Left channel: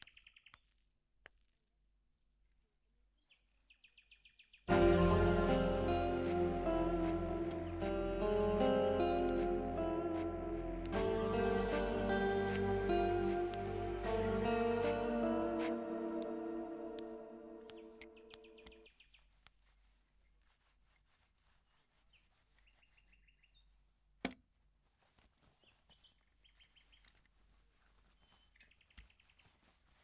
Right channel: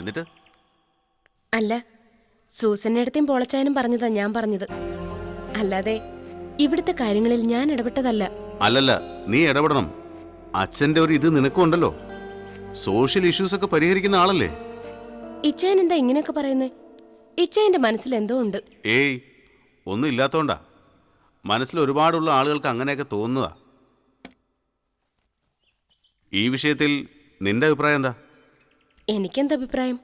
എന്നിട്ട് അല്ല, സൂസന്നേടത്തെയും പോളച്ചായനും പറഞ്ഞതാ ഞാൻ പറഞ്ഞത്. അല്ലാതെ ഇവിടുത്തെ കാര്യങ്ങളിൽ ഞാൻ ഇടപെട്ടതല്ല. അല്ലല്ല, നീ ഇടപെടണം. അച്ഛന്റെ ഒരു ഇത് നിനക്കുണ്ടല്ലോ. സോഷ്യൽ ഇഷ്യൂസ് ഒക്കെ പരിഹരിക്കുന്ന ആളല്ലേ. ഇച്ചായൻ എന്താ ഇങ്ങനെയൊക്കെ പറയുന്നേ? ഇച്ചായന്റെ മനസ്സിൽ എന്തോ ഉണ്ട്. ഏയ്, ഒന്നും ഇല്ലാത്തോണ്ടാ. മനസ്സിൽ ഒരുപാടുള്ള ആളുകൾക്ക് അങ്ങനെയൊക്കെ തോന്നുന്നതാ. ഈ വിഷയത്തിൽ നിന്റെ അഭിപ്രായം എന്താ? എനിക്കെന്താ അഭിപ്രായം?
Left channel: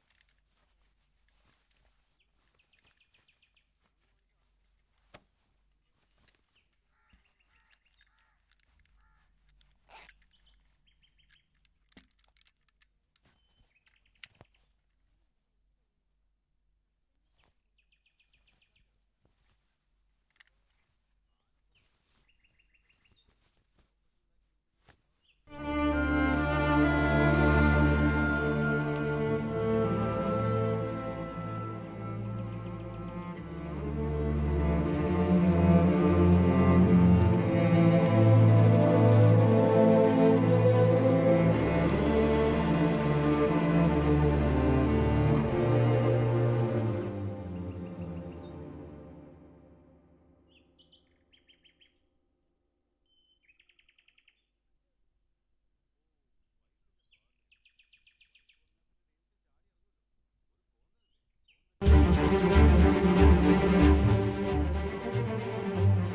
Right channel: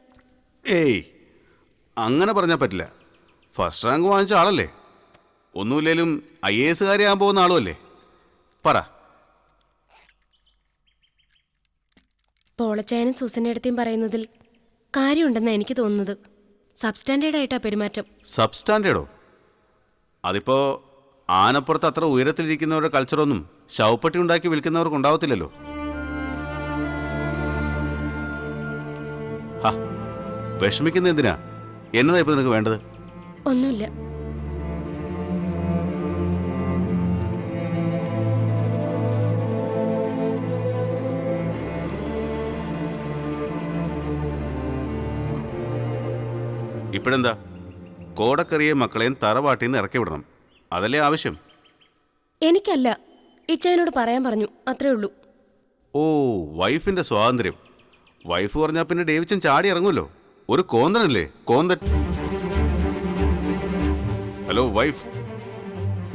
ഏയ്, അങ്ങനെ പറഞ്ഞാൽ പറ്റില്ല. ഫസ്റ്റ് റാങ്ക് വാങ്ങിച്ച ആളല്ലേ. ഒന്നുമില്ലേലും IAS ആകാൻ പോകുന്ന ആളുമല്ലേ. പറ. പോളച്ചായനും സൂസന്നേടത്തെയും പറയുന്നതിൽ കാര്യമുണ്ടെന്നാണ് എനിക്ക് തോന്നുന്നത്. സബ്സ്റ്റാൻഡേർഡ് ആയിട്ടാ പെരുമാറ്റം. സബ്സ്റ്റാൻഡേർഡോ? അതിപ്പോ ആനപ്പുറത്ത് അത്ര ഉയരത്തിലിരിക്കുന്നവരുടെ കൾച്ചറൊന്നും ശവപ്പെട്ടി ഉണ്ടാക്കി വിൽക്കുന്നവർക്ക് ഉണ്ടാവത്തില്ലല്ലോ. വിഷമിക്കുന്ന എന്തിനാ? എന്നതാ ഇപ്പൊ നിനക്ക് വേണ്ടത്? ഒന്നുമില്ല. ഇപ്പോഴെന്താ? കോടക്കറിയെ മക്കളെയും തറവാട്ടിന്ന് ഇറക്കി വിടണം, അതല്ലേ ആവശ്യം? എനിക്കല്ല, ഇച്ചായനോട് പറയാൻ പറഞ്ഞു, അത്രേ ഉള്ളൂ. ഓ, വൈഫിന്റെ സ്വാതന്ത്ര്യം. വൈഫ് പറഞ്ഞാൽ പിന്നെ ഡേവിച്ചൻ ചാടി ഇറങ്ങുമല്ലോ. ഒരു കോന്തനല്ലേ, കോന്തൻ. ഹലോ വൈഫ്,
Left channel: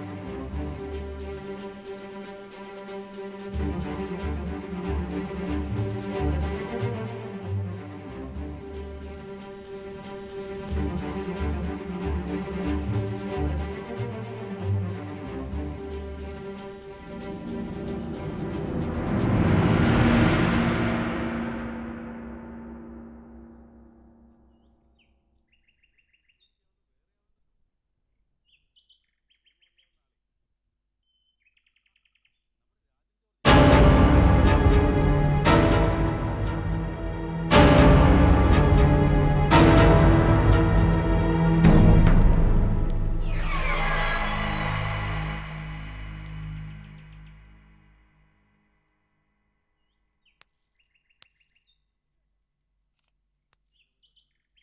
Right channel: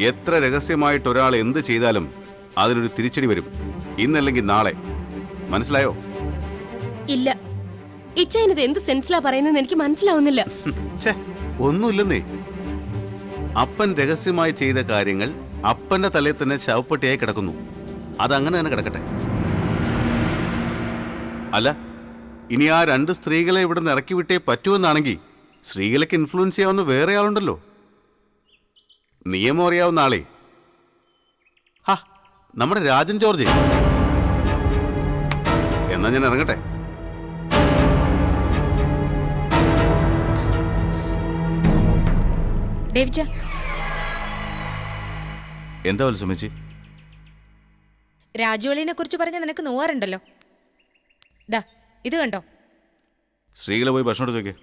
എത്ര രഹസ്യമായിട്ട് ഒരാൾ എന്ത് ചെയ്താലും അതിനൊരു തിരിച്ചടി വരും, ഇന്നല്ലെങ്കിൽ നാളെ. മനസ്സിലായോ? ഇല്ല, ഇച്ചായനത് എന്ത് സെൻസിലാ പറയുന്നത് എനിക്ക് മനസ്സിലാവുന്നില്ല. ഒന്നുമില്ലെന്നേ. അപ്പൻ രഹസ്യമായി ചെയ്ത കാര്യങ്ങൾ അപ്പന്റെ തലയിൽ തന്നെ ശവപ്പെട്ടിയായി കിടക്കുന്നു. അതങ്ങനെ തന്നെ കിടക്കട്ടെ. അല്ല, ഇനി ആ 2 സ്ത്രീകളെ ഇവിടെ നിന്ന് ഇറക്കി വിട്ടേ പറ്റുമെന്നാണെങ്കിൽ സ്ത്രീകളൊക്കെ ഇൻഫ്ലുവൻസ് ചെയ്യാവുന്ന വേറെ ആളുണ്ടല്ലോ, നിയമം അറിയാവുന്ന ആളെ. നമ്മുടെ രാജൻ ജോർജ്. എന്നാ ഞാൻ ഇറങ്ങട്ടെ. എന്താ വത്സമേച്ചി? രാജുവളിനെ കുറിച്ച് പറഞ്ഞ നിനക്ക് നോവാറുണ്ടല്ലോ. ദാ ഇത് കണ്ടോ? സ്ത്രീകളെ പോയി ഭക്ഷണം എടുത്ത് വെക്കേ.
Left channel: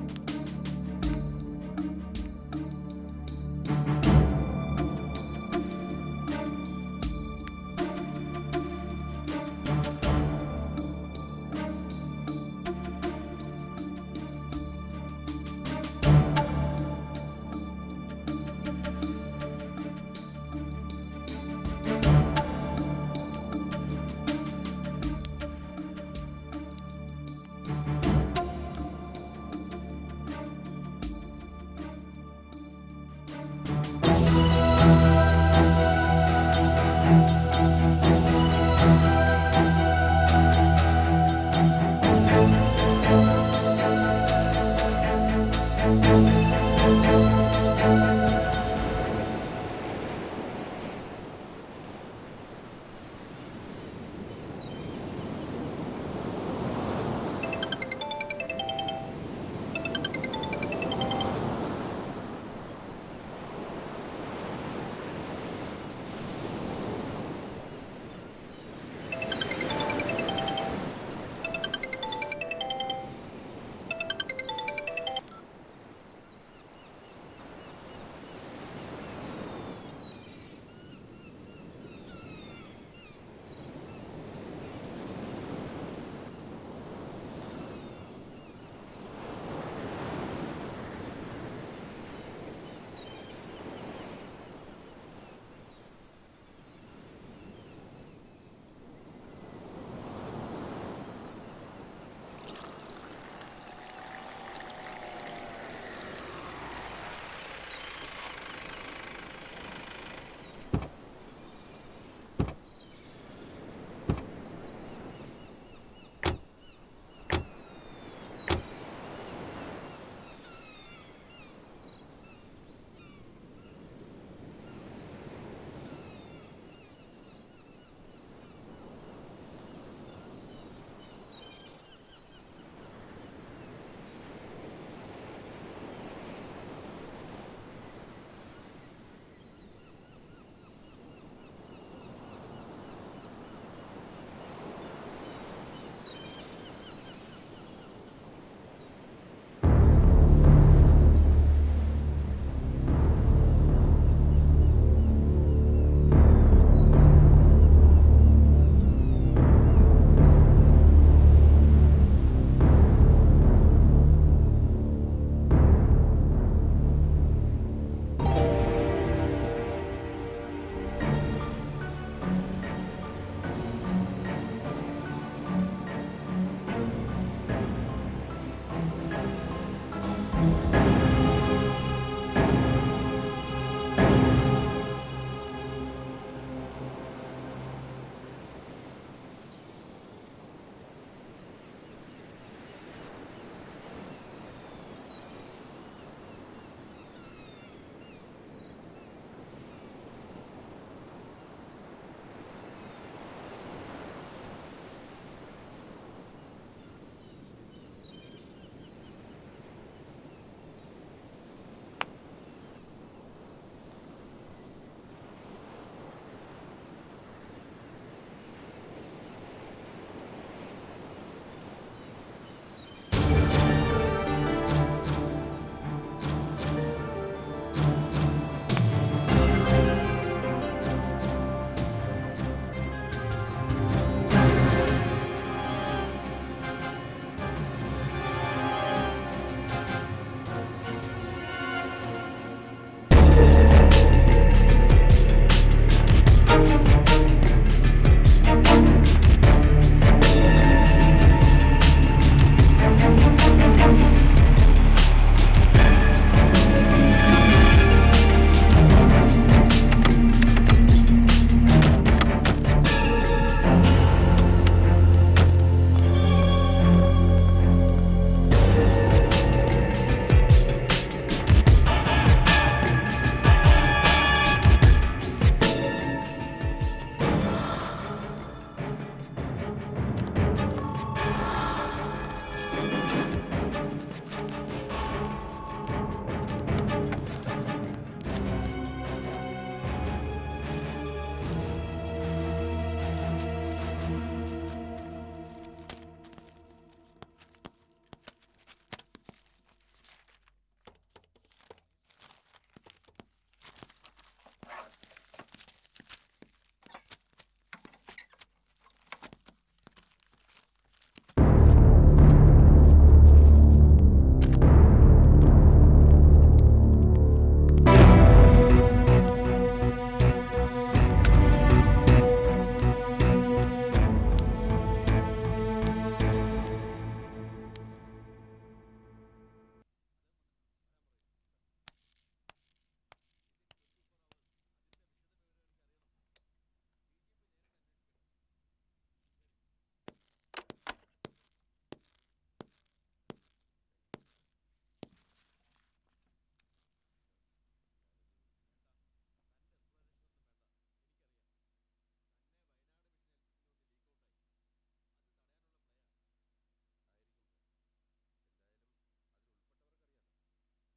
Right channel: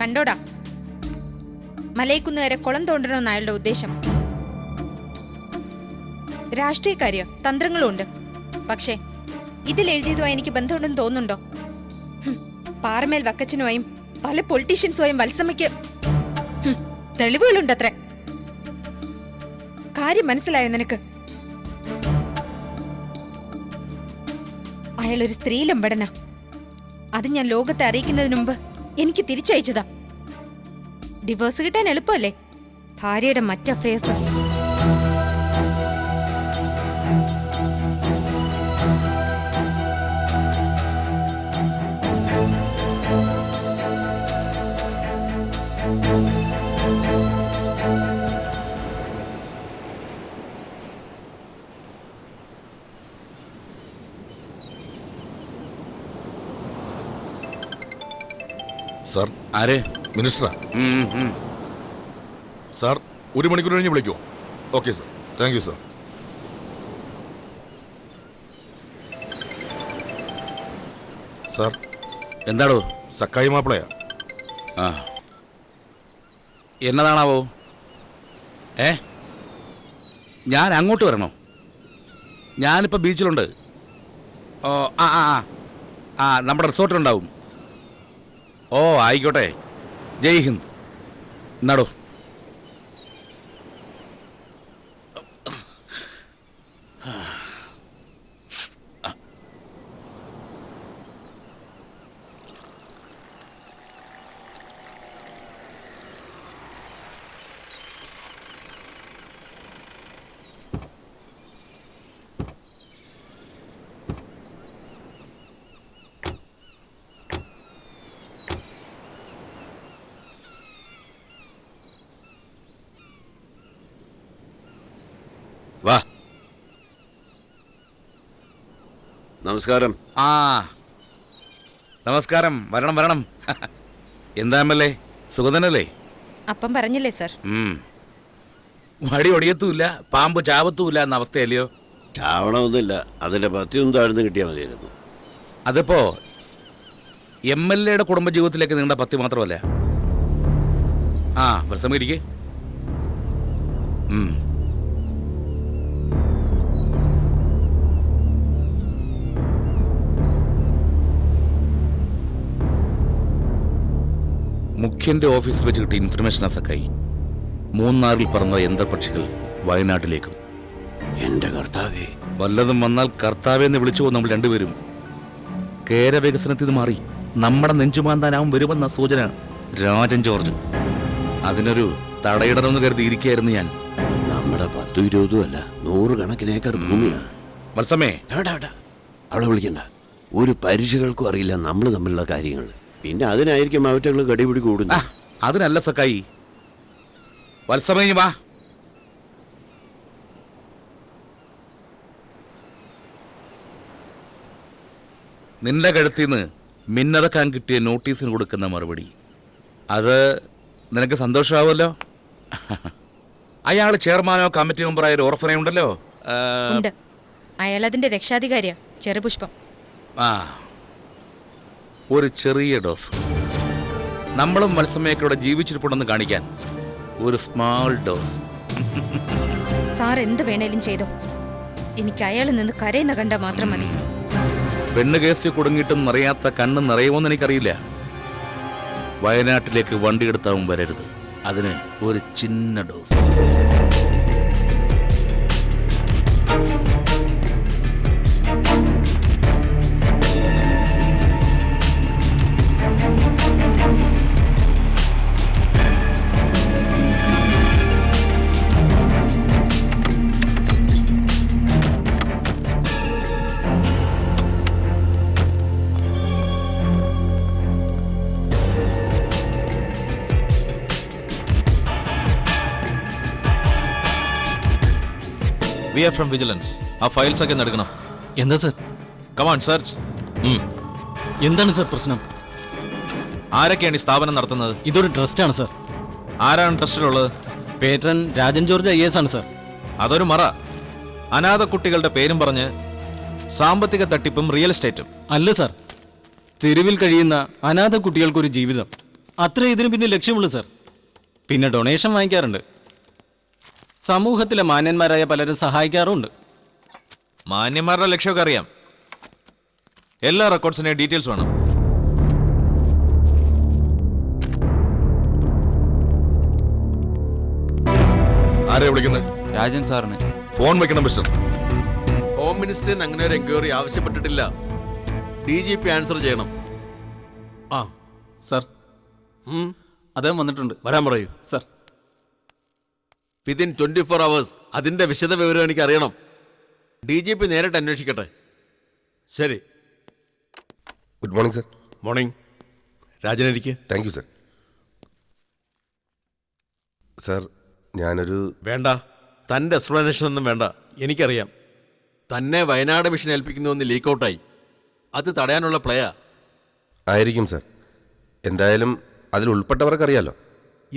കണ്ടോടാ, മലയിക്കുന്ന് വരെ കുളം തോണ്ടണമെന്ന് അയാളുടെ ഉദ്ദേശം. രാഷ്ട്രീയക്കാരിയോ തന്ത്രങ്ങളും ഉണ്ട്. പക്ഷേ ഇതിലെഴുതിയതുമായി എനിക്ക് ബന്ധമുണ്ടെന്ന് തോന്നുന്നുണ്ടോ? പാറമേൽ വക്കച്ചനുമായും പല പൊളിറ്റീഷ്യൻസുമായും വത്സമയ്ക്ക് തെളിവുകളുണ്ടത്രേ. കാര്യം മനസ്സിലായോ നിനക്ക്? അയാളൊരു സ്ത്രീലമ്പടന. അത് ഞാൻ ലോകത്തെ അറിയിക്കുന്നതിന് മുമ്പ് എനിക്ക് തിരിച്ചയച്ചതാ. ഡിവോഴ്സ് കിട്ടാൻ എളുപ്പമല്ലേ? ഭാര്യയുടെ മറ്റഫേഴ്സ്. സാർ. ആരെ? മിനിസ്റ്ററാ. സാർ, 1 മണിക്കൂർ കഴിഞ്ഞ് വിളിക്കൂ. Okay sir, thank you sir. Sir. എന്താടോ? സക്കായി മാപ്പിളയാ. എന്നതാണാവോ? ഞാൻ അങ്ങോട്ട് വരണോ? ഞാനിപ്പോൾ ബീച്ചിലുണ്ട്. ഓ, നമ്മുടെ റിസോർട്ടിലുണ്ടാവും. ഓ, ആയിക്കോട്ടെ. ജയ് ഹിന്ദ്. എന്നാടോ? വാ. നമസ്കാരം. നമസ്കാരം. വരണം വരണം. എന്താ MLA, സുഗതനല്ലേ? അപ്പം പറഞ്ഞില്ലേ സാർ? വടി ഒടിയത്തുമില്ല, പാമ്പ് ചാവത്തുമില്ല എന്ന അവസ്ഥയല്ലയോ? ചാവണമൊന്നുമില്ല, അതിൻ്റെ പത്തിയൊന്നും താഴ്ന്നു കിട്ടിയാൽ മതിയായിരുന്നു. അതിപ്പോ MLA-യുടെ കുടുംബജീവിതത്തിലേക്ക് നീണ്ട പത്തി മാത്രമല്ല. ആ പ്രസംഗിരിക്കേ. മുഖ്യന്റെ ഓഫീസിൽ വെച്ച് കിട്ടിയ ഇൻഫർമേഷനാ സക്കായി. മൂന്നാറിൽ പറന്ന യന്ത്രപക്ഷികൾ വയനാട്ടിലേക്കും. എൻ്റെ കർത്താവേ, വല്ലതും വന്നാൽ കർത്താവെന്ന് വിളിച്ചു പോകും നമ്മൾ രണ്ടുപേരും. കേരവികസനത്തിൽ മാറി നമ്മുടെ നെഞ്ചുമാന്താനാവും വരുമെന്ന സൂചന. രാജൻ ജോർജ് അതിനൊരു തടയിടണമെന്ന് കരുതിയിരിക്കുകയായിരുന്നു ഞാൻ. നമ്മുടെ 10-20 അല്ല, 100 കണക്കിന് ഏക്കർ ഭൂമിയാ. മത്സമേ, അവളെ വിളിക്കണ്ട. ഒരു പരീക്ഷകൾക്കും അറിയില്ല നമ്മൾ തമ്മിലുള്ള കാര്യങ്ങൾ. പിന്നെ അതിനായിരിക്കും അവറ്റകൾ കടിപിടി കൂടുന്നത്. അതിനല്ല സക്കായി. വത്സമേ വാ. നിന്റെ കഴുത്തിന്ന് മിന്നിറക്കാൻ കിട്ടിയ നോട്ടീസിന് കൊടുക്കുന്ന മറുപടി അത് നിനക്ക് സന്തോഷമാവുമല്ലോ. അയാൾ ചെയർമാനോ കമ്മിറ്റി മെമ്പറായ ഒരു ഓർഫനയുണ്ടല്ലോ. ഉണ്ട്. അയാൾ അതിന്റെ രക്ഷാധികാരിയാ, ചെറുപുഷ്പം. ആ, ഒരു ചെറിയ ഡോസ്. നമ്മളും മത്സമയൊക്കെ ജീവിച്ചിരിപ്പുണ്ടെന്ന് കാണിക്കാൻ ഒരു സ്മാൾ ഡോസ്. സാർ എന്ത് വേണേലും ചെയ്തു. എനിക്ക് അയാൾ നിന്ന് കരയുന്ന കണ്ട മാത്രം മതി. പെണ്ണ് കേസിൽ കുടുങ്ങിയിട്ടും നിറയാത്ത കണ്ണ് നിറയുമോന്ന് എനിക്കറിയില്ല. വയനാട്ടിലേക്ക് വണ്ടിയെടുത്താവും വരരുത്. അതിന് ഒരു ചിന്ന dose. We are from Vigilance. ആ ഫയൽസ് ഒക്കെ എടുക്കണം. എന്താ സർ? Come on search. എന്താണ് സർ പ്രശ്നം? ആരൊക്കെയാണ് ഈ സ്ഥാപനം നടത്തുന്നത്? ഇതൊരു ട്രസ്റ്റാണ് സർ. ആരാണ് ട്രസ്റ്റിലുള്ളത്? പേട്രൺ രാജൻ ജോർജ് IAS ആണ് സർ. അതൊരു മറ. അനാഥ കുട്ടികളുടെ പേരും പറഞ്ഞ് സാമ്പത്തിക തട്ടിപ്പും റിയൽ എസ്റ്റേറ്റും. അല്ല സർ, തെരുവിൽ കഴിയുന്ന അനാഥ കുട്ടികൾക്കൊരു ജീവിതം, അത്രേ ഇതിന് പിന്നെ ലക്ഷ്യമുള്ളൂ സർ. പിന്നെ ഡൊണേഷൻ വാങ്ങിക്കാറുണ്ട്. സമൂഹത്തിലെ മാന്യന്മാരായ പലരും സഹായിക്കാറുണ്ട്. മാന്യന്മാരുടെ ലക്ഷ്യമൊക്കെ അറിയാം. എല്ലാ റെക്കോർഡ്സിനെയും ഡീറ്റെയിൽസ് വേണം. ആരെയാ വിളിക്കുന്നത്? രാജൻ സാറിന് ഫോൺ വെക്കണം മിസ്റ്റർ. ഹോം മിനിസ്റ്ററിൽ നിന്ന് അങ്ങനെ ഒരു എൻക്വയറി ആവശ്യപ്പെട്ടിട്ടില്ല. DGP ആൻസർ ചെയ്യണം. ആ സർ, അദ്ദേഹം വന്നിട്ടുണ്ട്. വരാൻ പറയൂ സർ. വിതിൻ 24 hours അതിന്റെ വിശദ വിവരം എനിക്ക് അറിയണം. DGP നേരിട്ട് അന്വേഷിക്കട്ടെ. ശരി. Good morning sir. മോർണിംഗ്. രാജനിരിക്കെ. Thank you sir. സർ, ഞാനൊരു വേണ്ട, തൻ്റെ എക്സ്പ്ലനേഷൻ ഒന്നും വേണ്ട. എനിക്കറിയാം തന്നെ വയനാട് മിഷൻ ഏൽപ്പിക്കുന്നു എന്ന് ലീക്കൗട്ടായി. അത് തടയാനുള്ള പ്ലേയാ. ആയിരിക്കും സർ. എന്തായാലും അതിൽ ഉൾപ്പെട്ടവർക്കറിയാലോ.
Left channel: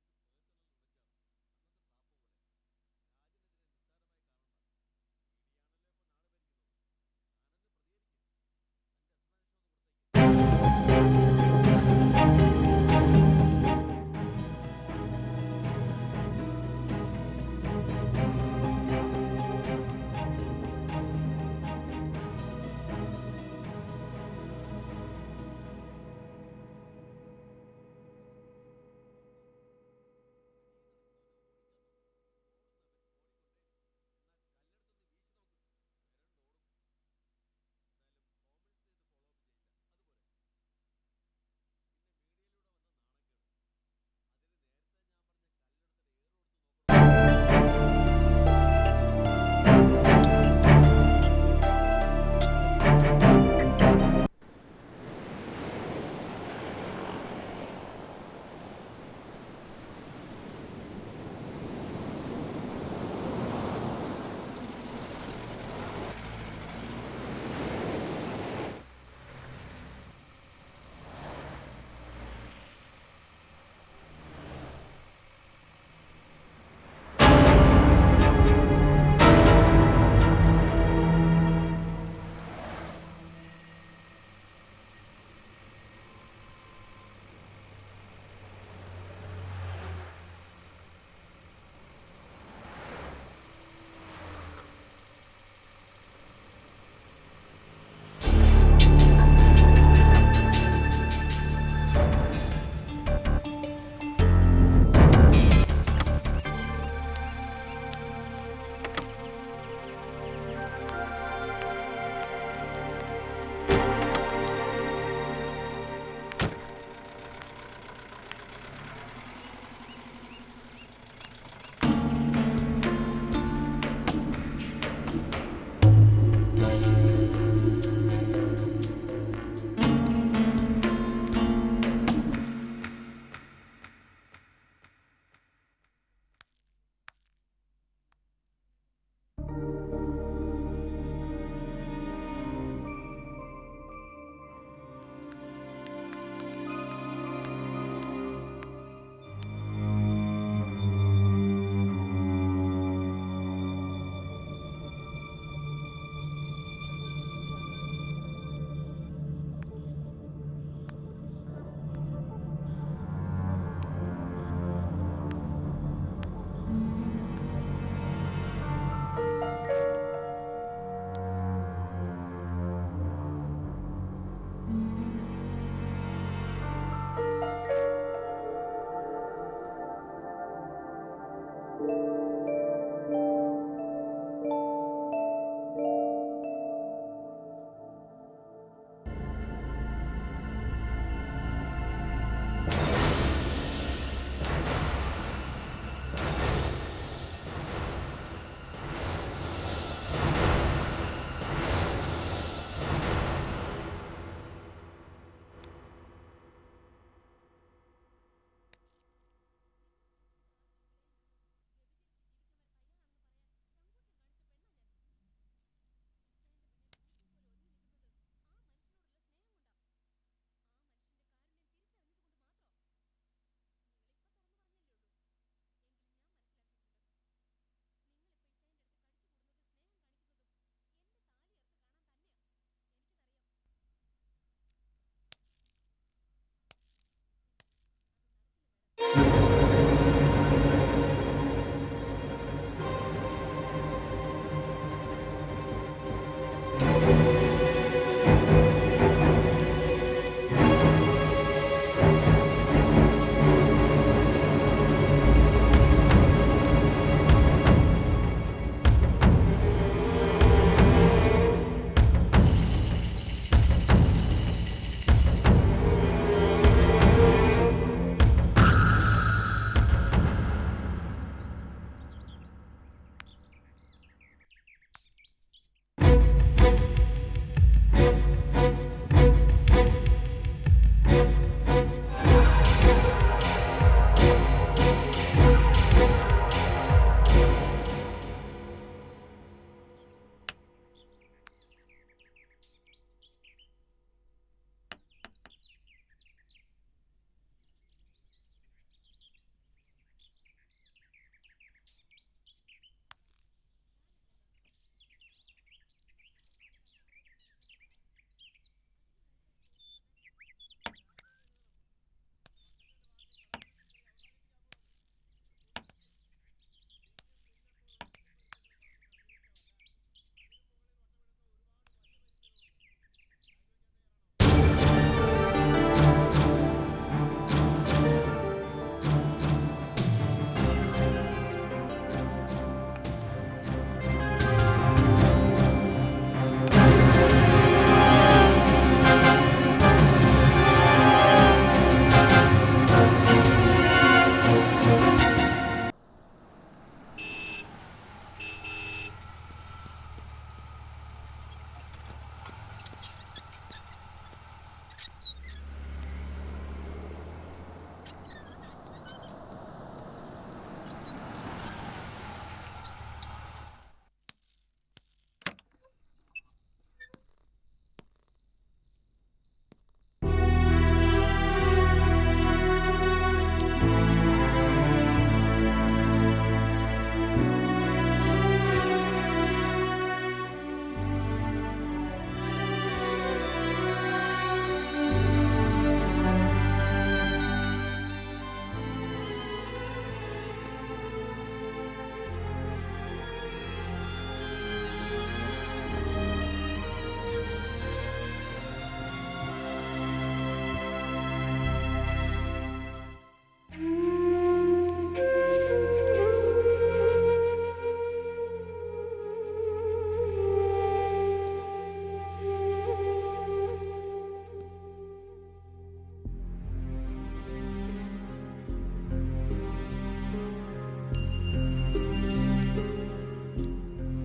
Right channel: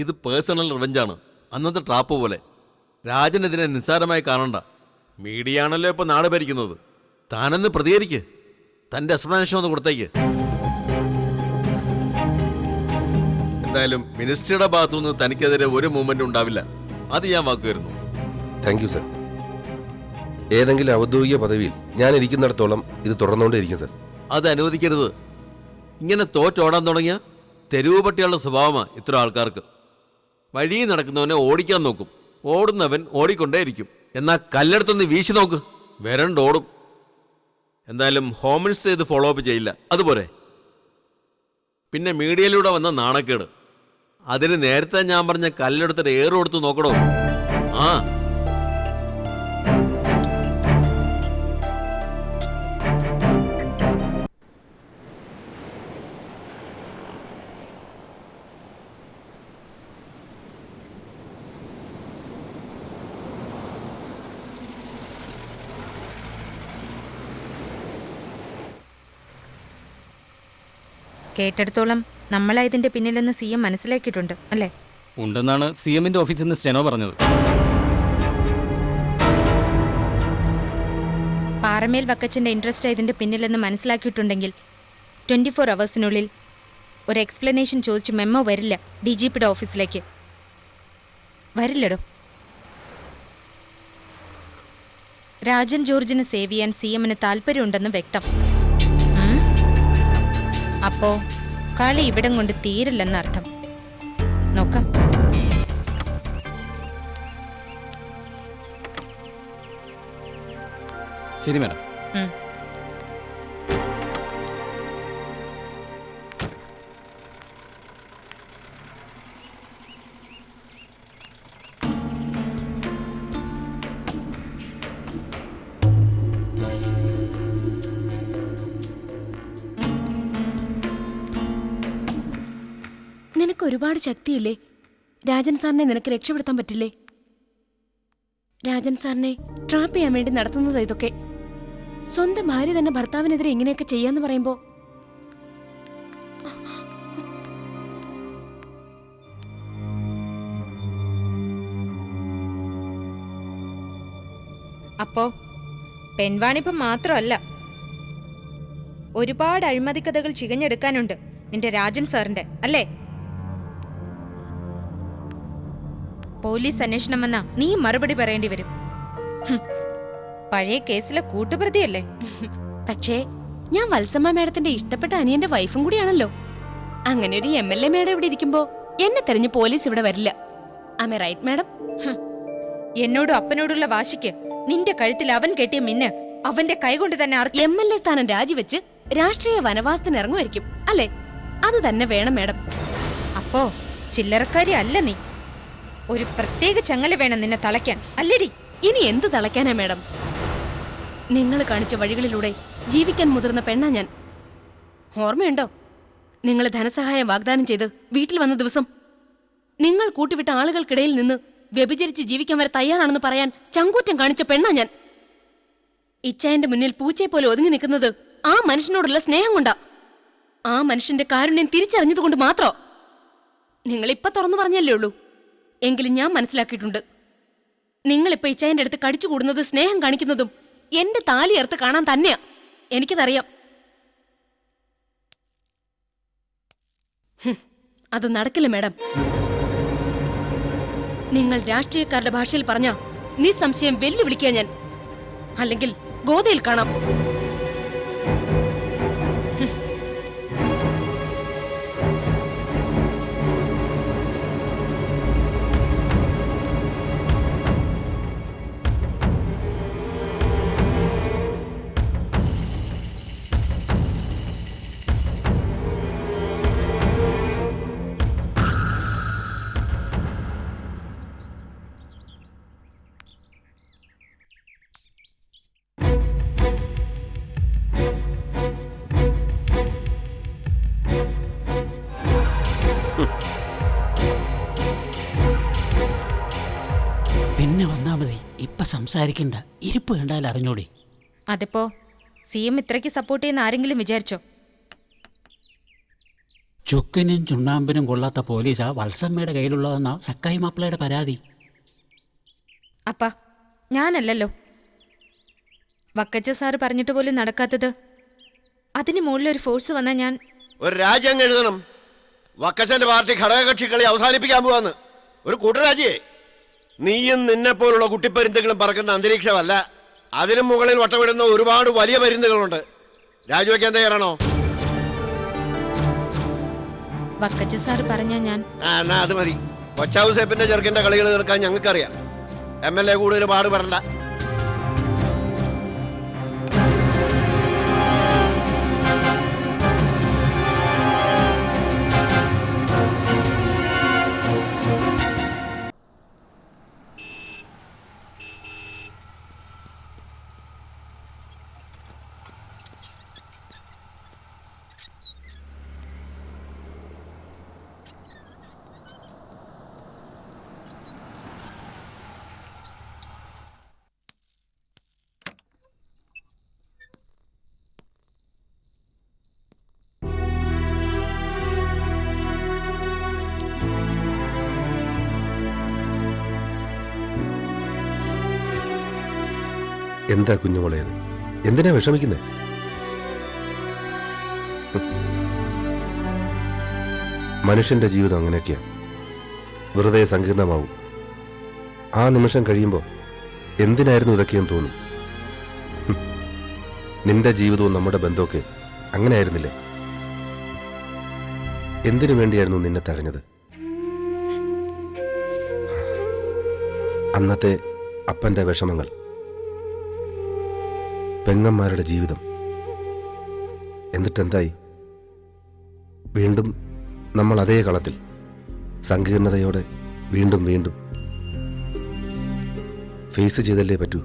ഇത് പേഴ്സണൽ റിവെഞ്ചാണ്, അന്നത്തെ ട്രാപ്പ് പോലെ. രാജനെതിരെ നിസ്സാരമായി കാണണ്ട. മീഡിയ ആണല്ലോ ഇപ്പോൾ നാട് ഭരിക്കുന്നത്. താനെന്ന് പ്രതികരിക്ക്. തൻ്റെ എക്സ്പ്ലനേഷൻ ഒന്ന് കൊടുത്തേക്ക്. എന്തായാലും മിനിസ്ട്രിയുടെ ഭാഗത്തുനിന്ന് തനിക്കെതിരെ ഒരു മൂവ്മെന്റ് ഉണ്ടാവില്ല. അത് ഞാൻ വാക്കുവരുന്നു. Thank you sir. ഏതെങ്കിലും ഔദ്യോഗിക പദവിയിൽ ഞാൻ ഇരിക്കുന്നിടത്തോളം ഇത് തുടർന്നുകൊണ്ടേയിരിക്കും സർ. അത് അനുവദിക്കരുത്. ഇങ്ങനെ തോറ്റോടാൻ തുടങ്ങിയ തെരുവ് പട്ടികളുടെ സ്വഭാവമാണ് ഇത്ര ആൾക്കാർക്ക്. വഴി നടക്കുന്നവനെ ഓടിക്കാൻ നോക്കും, ഓടുന്നവൻ ഓടിക്കൊണ്ടേയിരിക്കും. എന്നാൽ കല്ലെടുത്തൊന്ന് വീശി നോക്ക്, വരണ്ടോടും. എന്തായാലും ഹോം മിനിസ്റ്റർ ഇത് ഫോളോ അപ്പ് ചെയ്യില്ല. അതുപോലെ പിന്നെ മീഡിയയിലൂടെ വന്ന നാണക്കേട്, അതിന് നേരത്തെ ഞാൻ പറഞ്ഞ കല്ലെടുത്തിട്ട് ഏറ് കൊടുത്ത് നോക്കണോ? ആ കേട്ടെടുത്തോളം നമ്മളാ ഇതിന്റെ പിന്നിലെന്ന് സി എം മനസ്സിലാക്കിയിട്ടുണ്ട് അല്ലേ? ഉണ്ടെന്നാണ് സി എമ്മിന്റെ ഓഫീസിൽ നിന്ന് സ്റ്റെനോ പറഞ്ഞത്. പാറമേൽ വക്കച്ചന്റെ ഇൻട്രസ്റ്റ് ഇതിന്റെ പിന്നിലെന്ന് മനസ്സിലാക്കിയിട്ടുണ്ടെങ്കിൽ 24 അവേഴ്സിനുള്ളിൽ ഒരു എക്സ്പ്ലനേഷൻ ചോദിച്ച് മെമ്മോ വരില്ല DGPയുടെ ഓഫീസിലേക്ക്. വരില്ലടോ. രാജൻ ജോർജിനെ സേവ് ചെയ്യാൻ സി എമ്മിന് താല്പര്യമുണ്ടെന്ന് വ്യക്തം. അപ്പോ കളി ഇവിടം കൊണ്ട് തീരില്ലെന്നർത്ഥം. നോക്കാം. ശരി മാഡം. നിനക്ക് ഒരുപാട് ശക്തിയില്ലേ? രാജൻ സാറിനെ നിനക്ക് രക്ഷപ്പെടുത്താൻ പറ്റില്ലേ? രാജൻ സാറിനെ ട്രാപ്പ് ചെയ്യാൻ വേണ്ടി നടത്തുന്നത് ഇതൊക്കെ. സ്വന്തം ഭാര്യ തന്നെ ഭർത്താവിനെതിരെ ഇങ്ങനെയൊക്കെ ചെയ്യാന്ന് പറയുമ്പോ അപ്പോ പെൺവാണിപ്പം മാത്രമല്ല, ഒരുപാട് അഴിമതി കഥകൾ ചികഞ്ഞെടുക്കാനുണ്ട് നിന്റെ രാജൻ സാറിന്റെ, അല്ലേ? പോലീസ് അന്വേഷണം വന്നാ നീ മറുപടി പറയേണ്ടി വരും. പഴയ കേസിലെ കൂട്ടുപ്രതിയല്ലേ? പക്ഷേ ഞാൻ വത്സമ്മ മേഡത്തിന്റെ ഇഷ്ടപ്പെട്ട അനിയന്റെ വൈഫും കൂടിയാണല്ലോ. അങ്ങനെ ഒരു MLA മേഡം ഇവിടെ ഇരിക്കുമ്പോ എന്നെ തെരഞ്ഞ് പോലീസ് ഇവിടെ വരില്ല. ആമേ റൈറ്റ് മേഡം? എന്നോടും അപ്പനോടുള്ള വാശിക്ക് നിന്റെ കഴുത്തിൽ അവൻ കെട്ടിയ മിന്ന് അവന്റെ കൈകൊണ്ട് തന്നെ MLA സ്ഥാനം രാജിവെച്ച് രാഷ്ട്രീയ വനവാസത്തിന് ഇറങ്ങുമായിരിക്കും അല്ലേ? അത് തന്നെ വേണം മേഡം. അപ്പോ ചില്ലറക്കാരി അല്ല നീ. ഒരു പ്രത്യേക ചങ്ങല വേണം നിന്നെ തളയ്ക്കാൻ, അല്ലേടി? ഇനി എന്ത് തളയ്ക്കാനാ മേഡം? നിങ്ങൾ കാണിച്ച വഴികളിലൂടെ ജീവിക്കാൻ മുതിർന്ന പെണ്ണാ ഞാൻ. ഓർമ്മയുണ്ടോ നിങ്ങൾ ധനസഹായം വാഗ്ദാനം ചെയ്ത് വീട്ടിൽ വന്ന ദിവസം? നിങ്ങൾ കൂട്ടിവിട്ട ആളുകൾക്കിടയിൽ നിന്ന് വ്യഭിചരിച്ച് ജീവിക്കാൻ വരെ തയ്യാറാണെന്ന് പറയാൻ ചങ്കൂറ്റം കാണിച്ച പെണ്ണാ ഞാൻ. ഇച്ചായന്റെ മുന്നിൽ പൂച്ചയെ പോലെ ഒതുങ്ങി നിൽക്കുന്നത് ആ മനുഷ്യനോടുള്ള സ്നേഹം കൊണ്ടാ. ആ മനുഷ്യന്റെ കാരുണ്യം തിരിച്ചറിഞ്ഞതുകൊണ്ട് മാത്രം. നിങ്ങളിപ്പ തുറന്നു പറഞ്ഞല്ലേ ഉള്ളൂ, എങ്കിലും ഞാൻ മനസ്സിലാക്കിയിട്ടുണ്ട്. നിങ്ങളിപ്പോ ഇച്ചായന്റെ അടുത്ത് കടിച്ചു കൂടുന്നത് സ്നേഹം കാണിക്കുന്നതും എന്റെ താലിയർത്ത് കാണാൻ തന്നെയാ. എനിക്കതറിയാം. അത് നടക്കില്ല മേഡം. നിങ്ങൾ രാഷ്ട്രീയക്കാരുടെ ഭാഷയിൽ പറഞ്ഞ നിസ്സംശയം വെല്ലുവിളിക്കുക ഞാൻ. അല്ലെങ്കിൽ ഗോതയിൽ കാണാം. സംസാരിക്കണ്ട, ഇരിപ്പ് കണ്ടാൽ അറിഞ്ഞോടി. അതിപ്പോ CM ഇത്രയ്ക്ക് സപ്പോർട്ട് ചെയ്യുന്ന ആരെങ്കിലും വിചാരിച്ചോ? ചുക്കിനും ചുണ്ണാമ്പിനും കൊള്ളാത്ത പോലീസാ വത്സമ്മയുടെ കയ്യിലുള്ളതെന്നാ സക്കായി മാപ്പിളയുടെ പരാതി. അപ്പാ ഞാനല്ലല്ലോ. വക്കച്ച സാറ് പറഞ്ഞിട്ട് പോലും നടക്കാത്തത്. അതിന് മുകളിലൊരു ഫോഴ്സ് വന്നാൽ ഞാൻ ഒരു രാജ്യം എഴുതണം. വക്കച്ചന്റെ പാർട്ടി ഘടകകക്ഷികളെ അവസാനിപ്പിക്കാൻ പോവാന്ന്. ഒരു കൂട്ടരാജിയെ. നീയും നിന്നെപ്പോലുള്ള കുട്ടിപ്പരുന്തുകളും പറക്കുന്ന അന്തരീക്ഷമല്ല. അതിനും മുകളിൽ വട്ടമിടുന്ന ഒരുപാട് വലിയ പരുന്തുകളുണ്ട്. രാജിവെക്കാൻ തയ്യാറാണോ? വക്കച്ച സാറ് പറഞ്ഞ ഞാൻ എന്നാ അത് മതി. കൊച്ചാവുസേപ്പിന്റെ ചെറുക്കന്റെ കളികൾ തീർക്കാൻ ഞങ്ങൾക്കറിയാം. MLA കൂടുതൽ പാടുപെടണ്ട. എന്താ കുഞ്ഞുമോളെ അത്? എന്തിനാ വിഷമിക്കുന്നത്? മനുഷ്യന്റെ ജീവിതം അങ്ങനെയൊക്കെയാണ്, വെറുതെ സങ്കീർണമാവും. ആ നിമിഷം കഴിയുമ്പോൾ എന്തിനായിരുന്നു ഇതൊക്കെയെന്ന് തോന്നും. നിന്റെ ജീവിതവും നമ്മുടെ ബന്ധമൊക്കെ അങ്ങനെ ആയിരുന്നില്ല. എന്തിനു വേണ്ടിയായിരുന്നു നിന്നെ തഴഞ്ഞത്? അന്നത്തെ അപ്പന്റെ വിഷമങ്ങൾ, പെങ്ങന്മാരുടെ ജീവിതം. എന്നിട്ടെന്തായി? വീണ്ടും നമ്മൾ അതേ കളത്തിൽ, സങ്കീർണതയോടെ വീണ്ടും വീണ്ടും ഫേസ് ചെയ്തല്ലേ പറ്റൂ.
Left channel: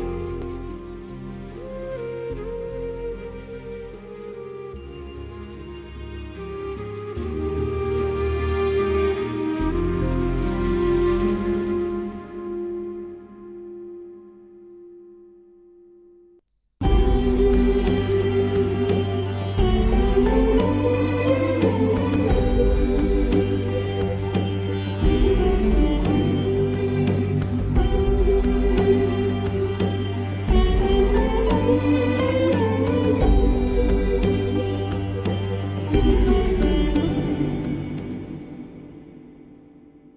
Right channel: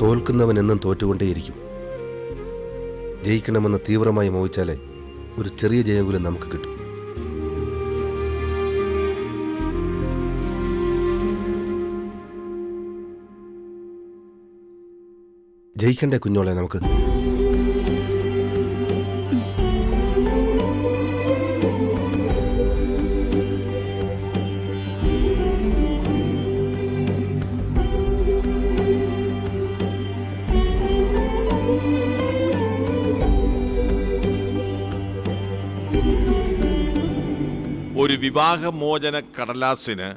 തോൽക്കുന്നവൻ എന്നും തോറ്റുകൊണ്ടേയിരിക്കും. ജയിക്കണമെന്ന് തീവ്രമായി മോഹിച്ചാലേ ഒരു ചെറിയ ജയകൂലം നമുക്ക് കിട്ടും. ജയിക്കണ്ടേ കുഞ്ഞോളെ നമുക്ക്? ഒരു വിവാഹമോചന കടലാസിന്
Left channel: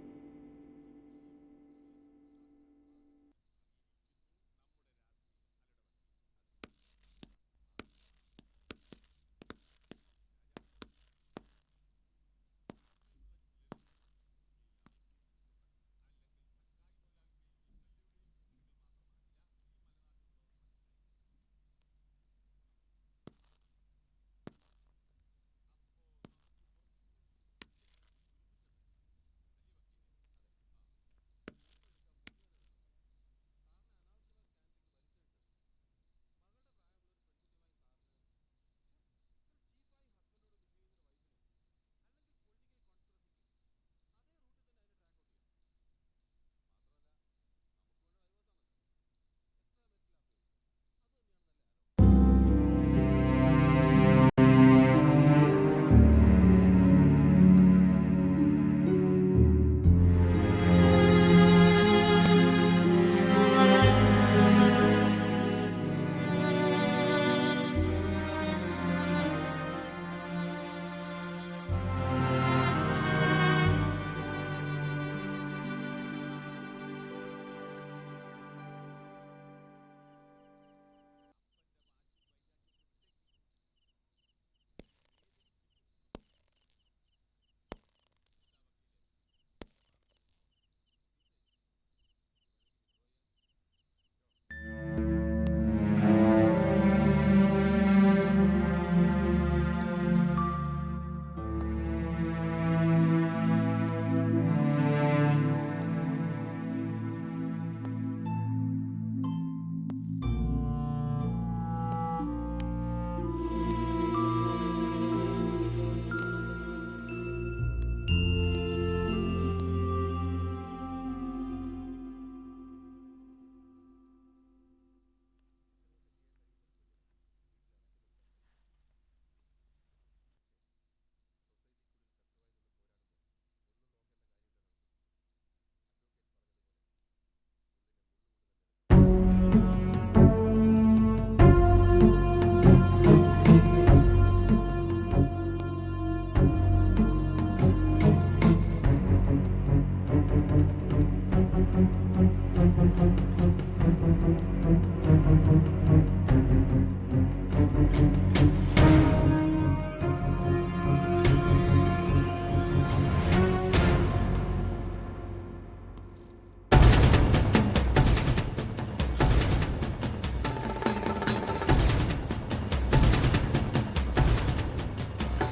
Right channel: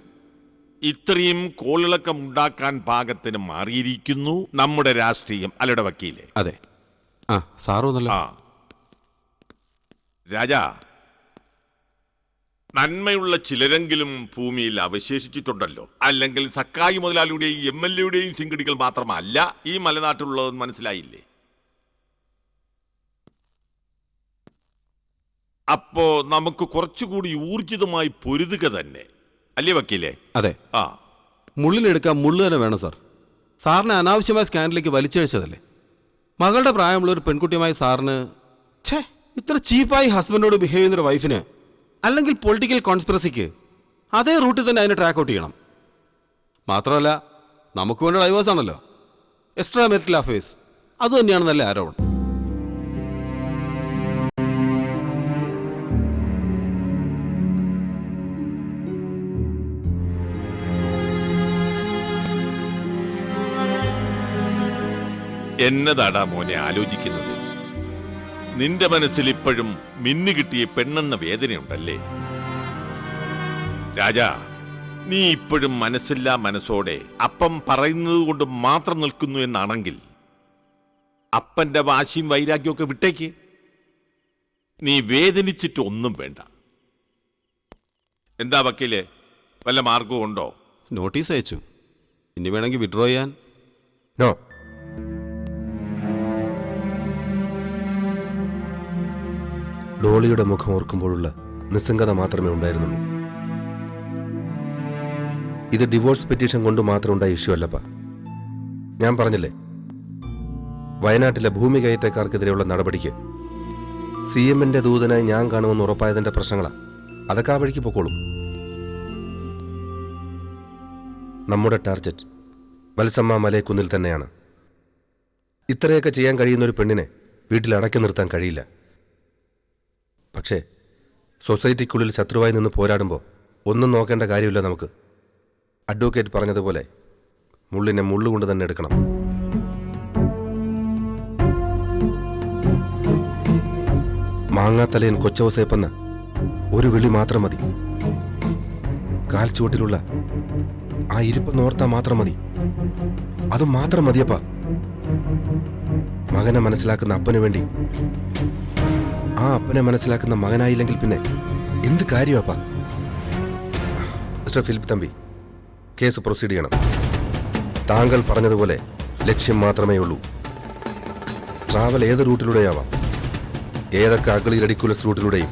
ഇത്രയും കോളിളക്കമുണ്ടാക്കാൻ പാകത്തിന് മാറിയിരിക്കുന്നു നമ്മുടെ രാഷ്ട്രീയം. അല്ലയുടെ വക്കീലെ? അതെ. ആ സാറൊന്നല്ല. ആ രാജാ, നന്മയുള്ള ചിലരെങ്കിലും ഭൂമിയിൽ അവശേഷിച്ചിട്ടുണ്ടല്ലോ. അല്ലെങ്കിൽ സക്കായി മുതലാളിയുടെയും MLA-യുടെയും ചിങ്കിടികൾ മാത്രമല്ല ഈ മലനാട്ടിലുള്ളതെന്ന് മനസ്സിലായില്ലേ? അപ്പോ നമുക്ക് കുറച്ചുകൂടി ഊർജിതമായി പൊരുതുക തന്നെ, അല്ലേ വക്കീലേ? അതെ. ആ മുള്ളിലെടുക്കാൻ മുള്ളു തന്നെ വേണം സാർ. സാറിനെ അനാവശ്യമായ സ്കാൻഡലിലേക്ക് വലിച്ചഴിച്ചതല്ലേ. മകളുടെ പ്രായമുള്ള ഒരു പെൺകുട്ടിയുമായി സാറിന് ഇത്ര ചീപ്പായി ഹസ്ബൻഡോട് ബിഹേവ് ചെയ്യുന്നൊരു വൈഫിന്, അല്ലെങ്കിൽ പൊളിറ്റിക്കൽ കോൺസ്പിറസിക്ക് അതേ റൂട്ടിൽ തന്നെ അതിനെ ട്രാക്ക് ഔട്ട് ചെയ്യണം. മാത്രമല്ല നമുക്ക് വേണ്ട ഡൈവേഴ്സ് ആണല്ലോ, എക്സ്ട്രാ മെറിറ്റൽ അഫയേഴ്സ്, അതുതന്നെയാണെന്നല്ലേ ആരോപണം. എന്നതാടാ മോനെ ആലോചിക്കുന്നത്? നിന്റെ മനസ്സിൽ ഇപ്പോഴും മിന്നു കിട്ടിയ പെണ്ണെന്ന വേദനയുണ്ടല്ലേ? രാജാ, നീ ഇപ്പോഴും മനസ്സില്ലാ മനസ്സോടെ അപ്പം പറയുന്നത് കൊണ്ട് മാത്രം നിൽക്കുന്നു എന്നാണെങ്കിൽ അപ്പന്റെ വാശിയും വൈരാഗ്യമൊക്കെ വിട്ടേക്ക്. നീ വേദനിച്ചിട്ട് ഒന്നും വേണ്ട. എന്താ വക്കീലെ, വല്ല മാർഗവും ഉണ്ടോ? നോട്ടീസ് അയച്ചു, ഇനി വേണമെങ്കിൽ വിഡ്രോ ചെയ്യാൻ. നോ. ഡോളിയുടെ മുഖം ഓർക്കുമ്പോഴുള്ള നിസ്സംഗത മാത്രമേ ഉണ്ടായിരുന്നു. ഇത് ഡിവോഴ്സ് പെറ്റീഷൻ കൊണ്ട് മാത്രം ഉണ്ടായ ഇഷ്യൂ അല്ലപ്പ. ഞാൻ പറഞ്ഞില്ലേ, വയനാട്ടിലെ ഭൂമി കയറ്റക്കാർക്കെതിരെയുള്ള നടപടിക്ക് CM-ന്റെ ദൂതനായി ഞാൻ കാണുമെന്ന് ഉറപ്പായതിന്റെ പ്രശ്നങ്ങളാ. അതൊക്കെ ആ വഴിക്ക് പൊക്കോളും. നമ്മുടെ ടാർഗറ്റ് വത്സമ്മ മലയക്കുന്നിൽ തന്നെയാണ്. ഇത്രയൊക്കെ ചെയ്യാൻ കഴിയുന്ന ഒരു പെണ്ണിനെ വീട്ടിൽ അടക്കി നിർത്താൻ കഴിയില്ല. പക്ഷേ സൊസൈറ്റിക്കുള്ളിൽ ശത്രുവായി നിന്ന് പോരാടുമ്പോൾ ഒന്നും നോക്കേണ്ട കാര്യമില്ല നമുക്ക്. അഡ്വക്കേറ്റ് പറഞ്ഞതുപോലെ മുള്ളിനെ മുള്ളുകൊണ്ട് തന്നെ എടുക്കണം. മാങ്ങാത്തലയൻ കൊച്ചവസേപ്പെന്ന ഒരു വിളി മാത്രം മതി. കാൽച്ചുവട്ടിലുള്ള ആ ഇരിപ്പെന്നോർത്താ മാത്രം മതി. അത് മാത്രം മതിയപ്പ. മകനെ മനസ്സിലാക്കുന്ന അപ്പന് വേണ്ടി ആ അപ്പനെ മനസ്സിലാക്കുന്ന മകനായില്ലെങ്കിൽ പിന്നെ എന്ത് കാര്യമാപ്പാ? Mister Philip Thampi, case proceed ചെയ്യണം. താങ്കൾ പറഞ്ഞതുപോലെ ലക്ഷ്യം മാത്രമേ ഉള്ളൂ. ട്രാവൽ ഏത് റൂട്ടിലൂടെയാവാം, ഏതൊക്കെ അഗളി റെഡിക്കുലസ് റൂട്ടിലൂടെയും